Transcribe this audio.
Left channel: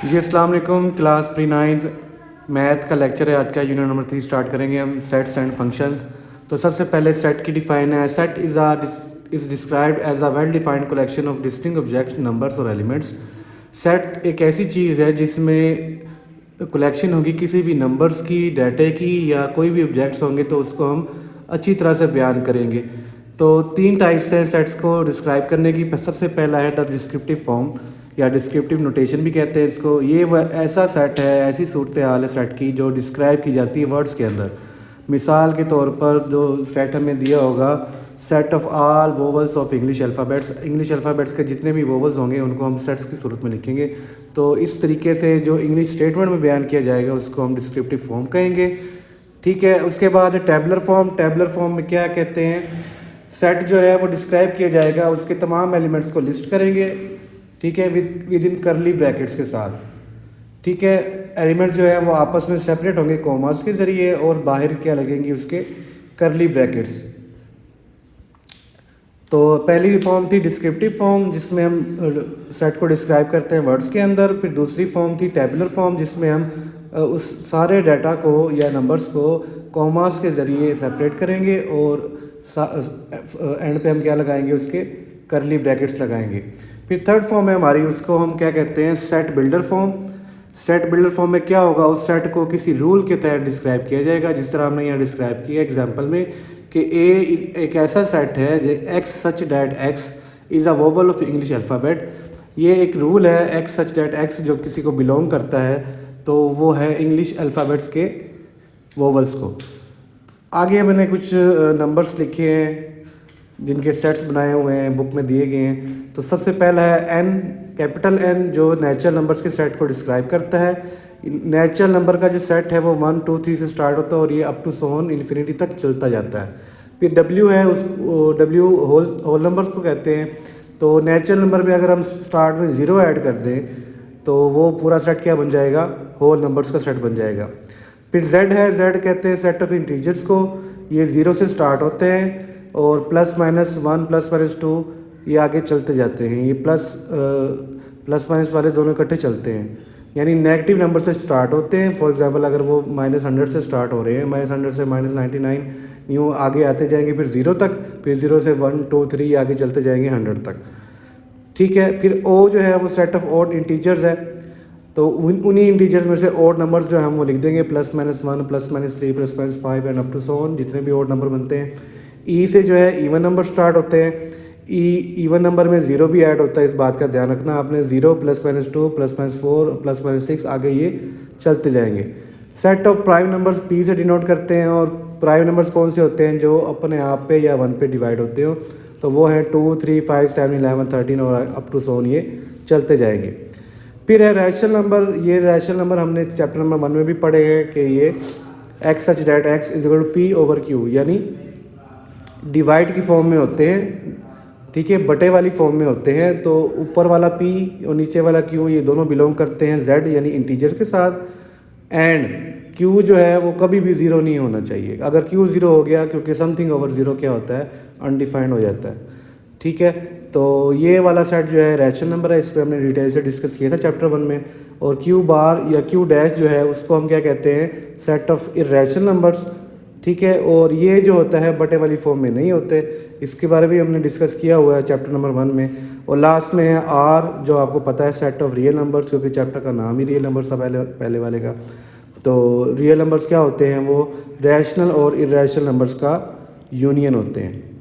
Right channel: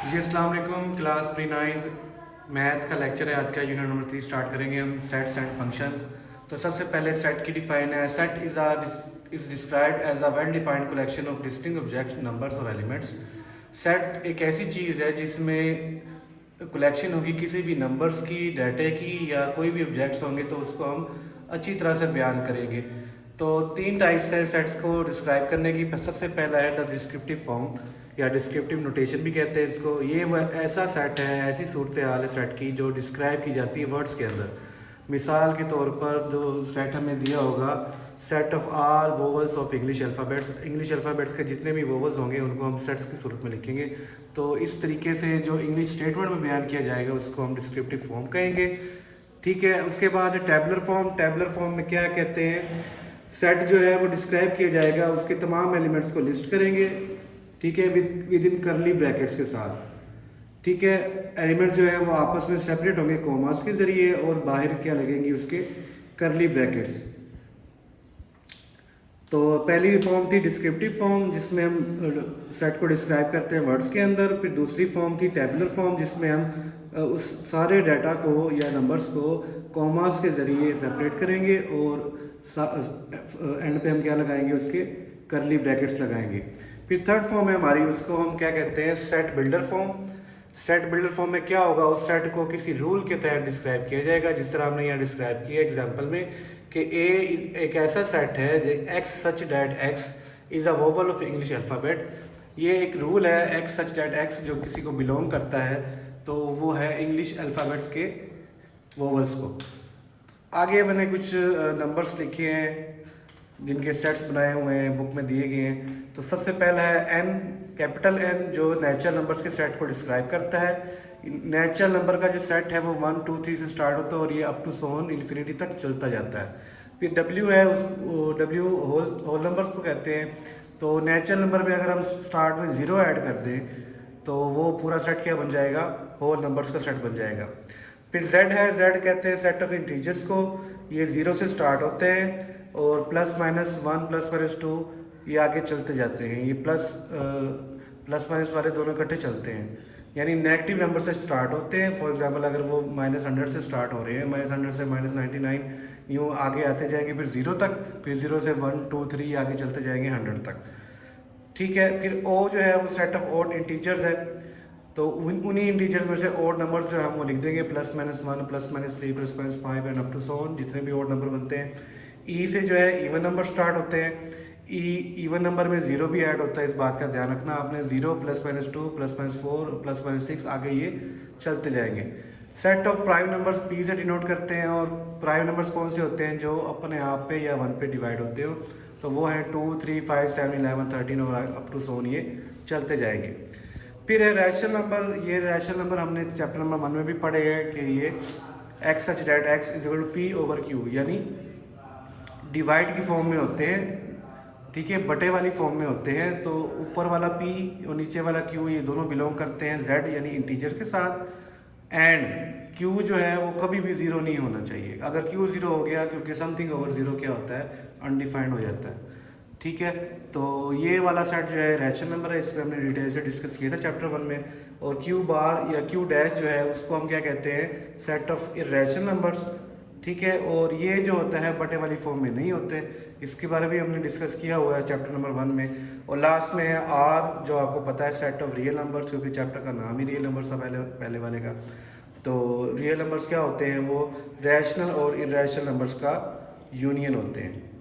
जी अस्सलाम वालेकुम। Class pre ninth math का लेक्चर है आज का। यूनिट नंबर 3 स्टार्ट करेंगे हम, सेट्स एंड फंक्शंस। तो सबसे पहले सेट की डिफाइन है। Set is described as a well defined collection of distinct objects, numbers और एलिमेंट्स। सेट एक ऐसी चीज़ है जिसमें कलेक्शन होगी किसी भी नंबर्स की, डाटे की, या कोई भी ऑब्जेक्ट्स होंगे तो उसको हम अच्छी तरह से बयान करेंगे। तो 3 टाइप्स हैं सेट्स को डिस्क्राइब करने की। सबसे पहला है द डिस्क्रिप्टिव फॉर्म या डिस्क्रिप्टिव नोटेशन भी कहते हैं इसको। ये वह ऐसा सेट है, ऐसी सूरत हाल है सेट की जो डिस्क्राइब की जाती है वर्ड्स के अंदर। मिसाल के तौर पर जो सेट हमें दिया होगा, set of all vowels of English alphabets. English alphabets के जितने भी वोवल्स होंगे उनको हम सेट्स की सूरत में लिखेंगे। तो इस तरीके से जो इंग्लिश स्टेटमेंट में बयान किया जाएगा उसको हम डिस्क्रिप्टिव फॉर्म कहेंगे। ठीक है। उसके बाद टेबलर फॉर्म। टेबलर फॉर्म में क्या कहते हैं, सेट जो है वो डिस्क्राइब किया जाएगा, उसके तमाम एलिमेंट्स को लिस्ट करेंगे। ठीक है, विद इन करली ब्रैकेट्स के साथ। ठीक है। एलिमेंट जो है वो आपस में सेपरेट होंगे कॉमास के ज़रिए, और बाहर क्या लगेंगी उसके, करली ब्रैकेट्स। तो पहली फॉर्म थी डिस्क्रिप्टिव फॉर्म जिसमें हम सेट को डिस्क्राइब करते हैं वर्ड्स के अंदर। फिर दूसरी फॉर्म थी टेबुलर फॉर्म जिसमें हम उस सारे डाटा को या नंबर्स को कॉमास के ज़रिए सेपरेट करेंगे, और एंड पे हम क्या लगाएंगे, उसके करली ब्रैकेट्स लगाएंगे। फिर थर्ड फॉर्म है हमारी, उसको हम क्या कहते हैं, set builder form. Set builder form में क्या होगा, उस सेट को किसी रूल के तहत डिस्क्राइब किया जाएगा, जिस तरह हमने यहाँ डिस्क्राइब किया एग्जांपल में कि ए एक ऐसा सेट है x such that x is a vowel of English alphabet. ये एक रूल है, एक्स सच डैट एक्स जो किसी को बिलोंग करता है तो वो है इंग्लिश अल्फ़ाबेट्स के वोवल्स को। आगे मैंने कुछ नंबर्स लिखे हैं जिनके सेट्स बनाए हुए हैं, बुक में दिए गए हैं। तो सबसे पहला है एन, कैपिटल एन, जो नेचुरल नंबर्स के सेट को डिस्क्राइब करता है। नेचुरल नंबर का जो सेट है वो 1 2 3 से स्टार्ट होता है और ये अप टू सोन इन्फिनिटी तक चलता जाता है। फिर डब्ल्यू है, उस डब्ल्यू होल नंबर्स को कहते हैं। तो नेचुरल नंबर में अगर हम स्टार्ट में ज़ीरो ऐड कर दें तो वो पूरा सेट क्या बन जाएगा, होल नंबर्स का सेट बन जाएगा। फिर जेड है, जेड कहते हैं सेट ऑफ इंटीजर्स को। ये ज़ीरो से स्टार्ट होते हैं और प्लस माइनस 1 प्लस माइनस 2 ये आगे चलते जाते हैं। ये प्लस माइनस वाले दोनों इकट्ठे चलते हैं, यानी नेगेटिव नंबर से स्टार्ट होते हैं। फॉर एग्जांपल अगर वो -100 से स्टार्ट हो रहे हैं, -100 से -99, यूँ आगे आते जाएंगे फिर ज़ीरो तक, फिर ज़ीरो से 1 2 3 आगे चलते जाएंगे 100 तक। ठीक है। फिर ओ जो है वो सेट ऑफ ऑड इंटीजर्स है। तो उन्हीं इंटीजर्स में से ऑड नंबर्स जो हम वो लिख देंगे, +-1 +-3 +-5 and up to so on, जितने भी ऑड नंबर बनते हैं। ई से जो है इवन नंबर स्टार्ट होते हैं। इवन नंबर में ज़ीरो भी ऐड होता है, इस बात का ध्यान रखना आपने। 0 +-2 +-4 +-6 आगे ये चलते जाएंगे। Set of prime numbers P से डिनोट करते हैं, और प्राइम नंबर्स कौन से होते हैं, जो अपने आप पे या 1 पे डिवाइड होते हो, तो वो है 2 3 5 7 11 13 और अप टू सोन ये चलते जाएंगे। फिर है रैशनल नंबर। ये रैशनल नंबर हमने चैप्टर नंबर 1 में भी पढ़े हैं कि ये x such that x is equal to p over q, यानी डिवाइड की फॉर्म में होते हैं। ठीक है, बटे वाली फॉर्म में होते हैं। तो ऊपर वाला पी और नीचे वाला क्यू ये दोनों बिलोंग करते हैं जेड यानी इंटीजर के साथ। एंड क्यू जो है वो कभी भी ज़ीरो नहीं होना चाहिए। अगर क्यू ज़ीरो हो गया, क्योंकि समथिंग ओवर ज़ीरो क्या होता है, अनडिफाइंड हो जाता है। ठीक है। तो ये वाला सेट जो है रैशनल नंबर है, इस पर हमने डिटेल से डिस्कस किया था चैप्टर 1 में। और क्यू बार या क्यू डैश जो है उसको हम क्या कहते हैं, सेट ऑफ इरेशनल नंबर्स। ठीक है। और ये जो होता है बटे वाली फॉर्म में नहीं होते, इसके बारे में हमने डिस्कस किया हुआ है चैप्टर नंबर 1 में। और लास्ट में है आर, जो आपको पता है सेट ऑफ रियल नंबर्स, क्योंकि चैप्टर का नाम ही रियल नंबर्स था पहले वाले का। तो रियल नंबर्स क्या होते हैं, वो रैशनल और इरेशनल नंबर्स का यूनियन होते हैं।